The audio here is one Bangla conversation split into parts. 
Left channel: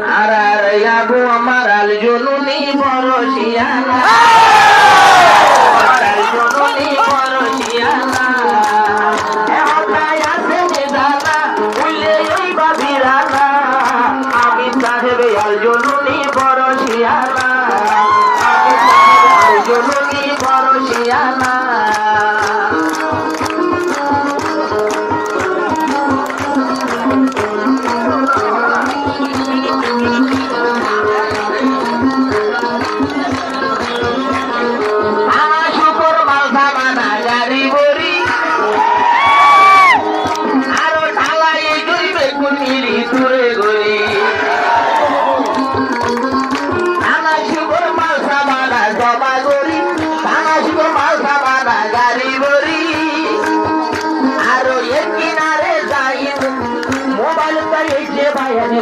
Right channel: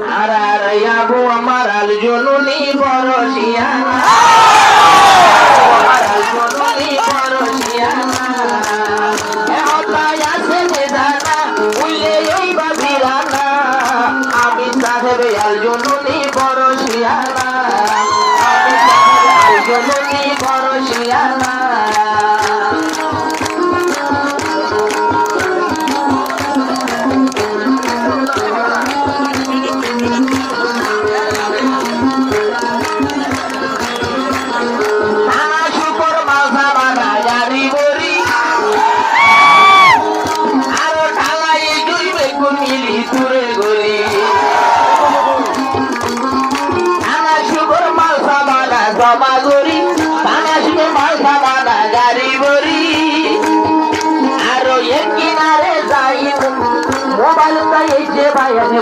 আর আর আবু আমার আল জনুনি বরশিয়ানা আর আল জনুনি বরশিয়ানা এ হতায় আছে জানা উইলে ওই বাবিরানা আমি সাহেব আল জনুনি বরশিয়ানা আমি সাহেব আল জনুনি বরশিয়ানা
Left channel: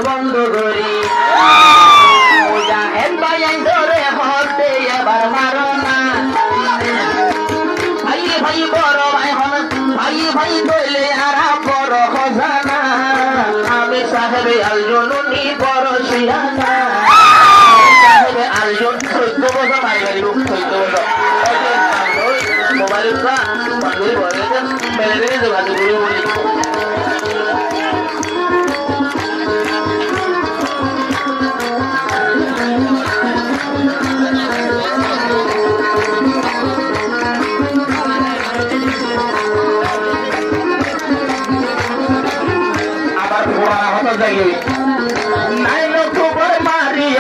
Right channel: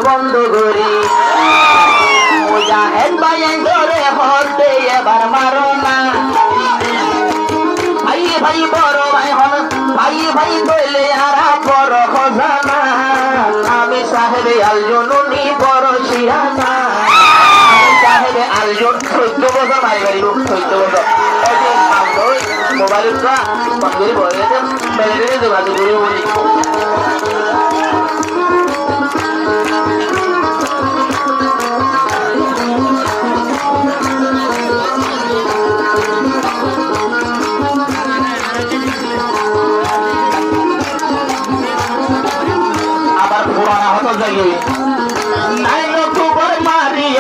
বন্ধ করি মুজাহিদ ভাই ধরে হতে এবার মারো না ভাই ভাই বড় ভাই হন ভাই ভাই কইলে আর বড় খজানা আমি সাহেবে আল জনুনি বরশিয়ানা সাহেবে আল জন 14 বছর ভাই ভাই লোক 14 বছর মোবাইল কা বন্ধুরি বলে মেরে যোগাযোগ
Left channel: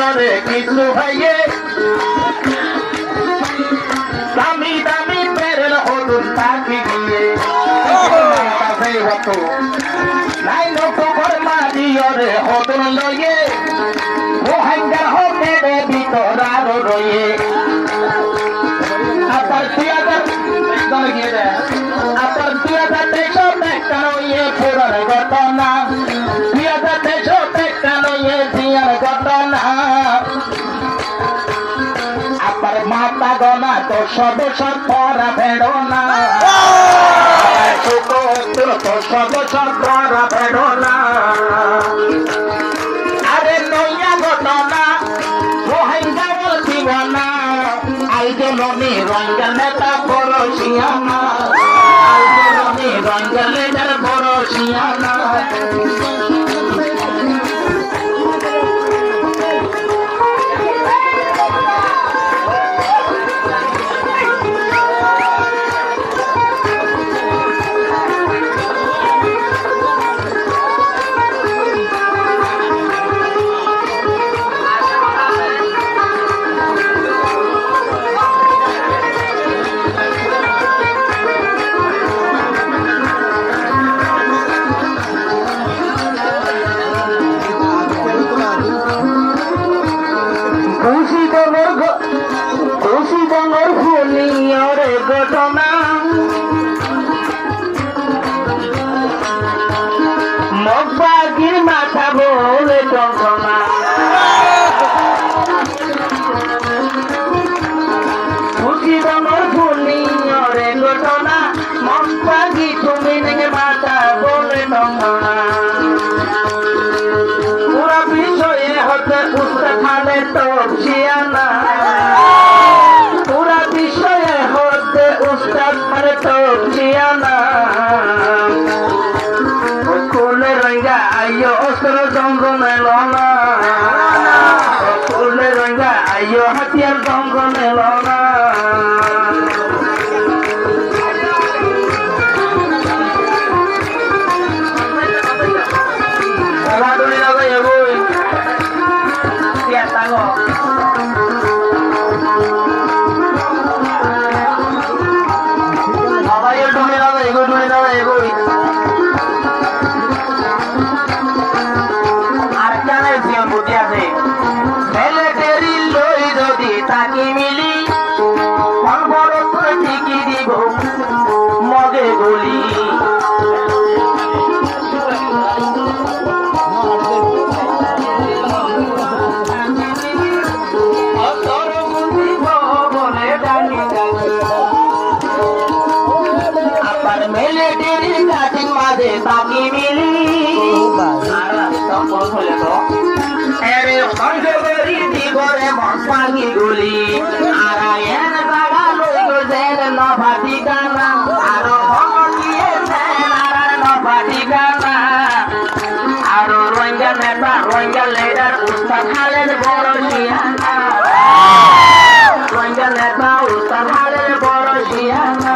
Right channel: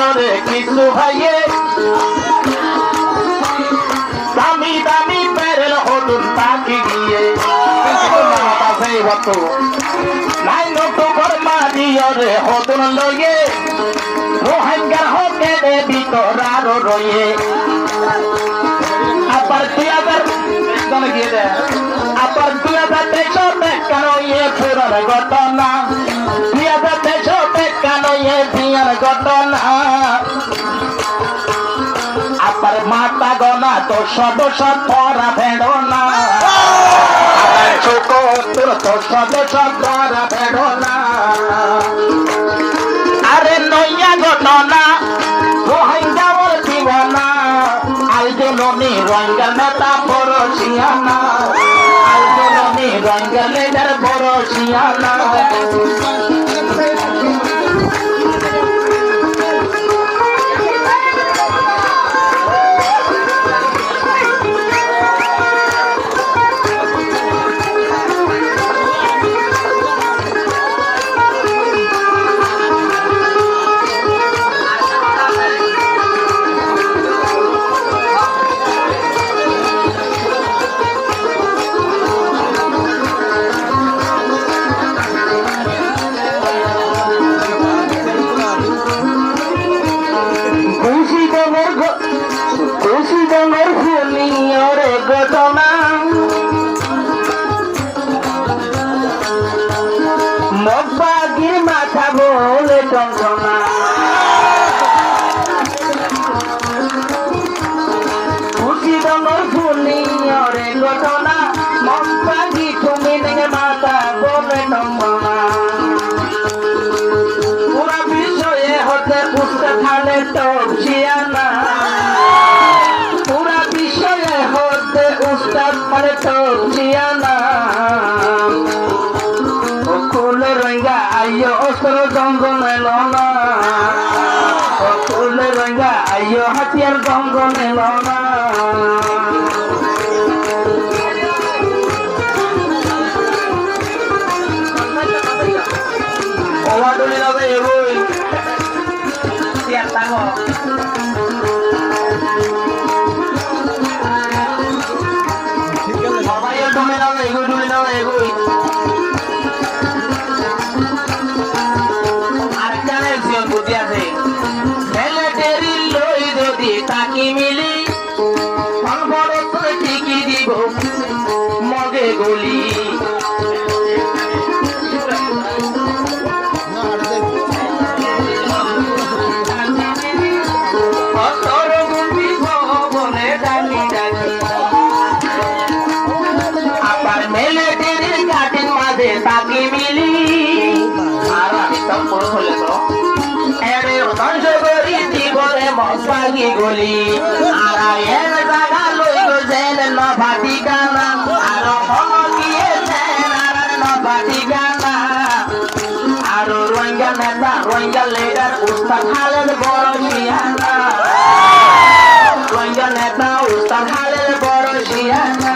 করে কিছু ভাইয়ে দামি দামি বেরেল হতুন পাখি গিয়ে নাই নকর মারিয়রে হতুন লইয়ে রোহিঙ্গার হতে দেবী তোরারো রয়ে আবার 2023 কেন ইয়ে পুরার ঘটনা 2023 কেন ইয়ে দিয়ার ঘটনা আবার মাতা গনা তো সদস্য পরা ভেড়ো না তোর তো সদস্য পরা ভেড়ো না আরে নইয়া ঘটনা রোহিঙ্গা ওর দিবানা আলজননি রঙ্গেল নেতা বরশিয়ানা আলজননি রঙ্গেল নেতার বরশিয়ানা ঘটনা মগবাগির মাথা বলে টঙ্কনা খুশি রঙর ফুলিয়রে ঘটনা মগবাগি তুমি নেগে মাথা বলে টঙ্কনা পুরা বিষয়ে হতে পুস্তক খালে তপসিয়ানা পুরা বিষয়ে হতে উস্তাদ মানে তপসিয়ানা কুলে রঙ্গা আইয়ো অস্ত্র জঙ্গলে লনা কুলে রঙ্গা আইয়ো হাতিয়ার জঙ্গলে লনা ওলাডুলি না যাই এবই তিয়া তাঙ্গ মোবাইল ডুলি না যাই এগোই ডুলি না যাই এগোই বুদ্ধি আছে ছেলেটেরি লই যদি তাকি মিলি মস্তাগি গলি আর এর জায়গা লইল জেল নভাটি গানা আর হলো গিয়েছেন আর নভাটি গানা আর রোহিঙ্গা নেতা রোহিঙ্গা লিডার উস্তাদ খালেদ বড় শিয়ানা রোহিঙ্গা নেতা উস্তাদ খালেদ বড় শিয়ানা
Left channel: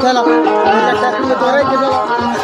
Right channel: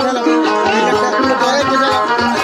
Chalo.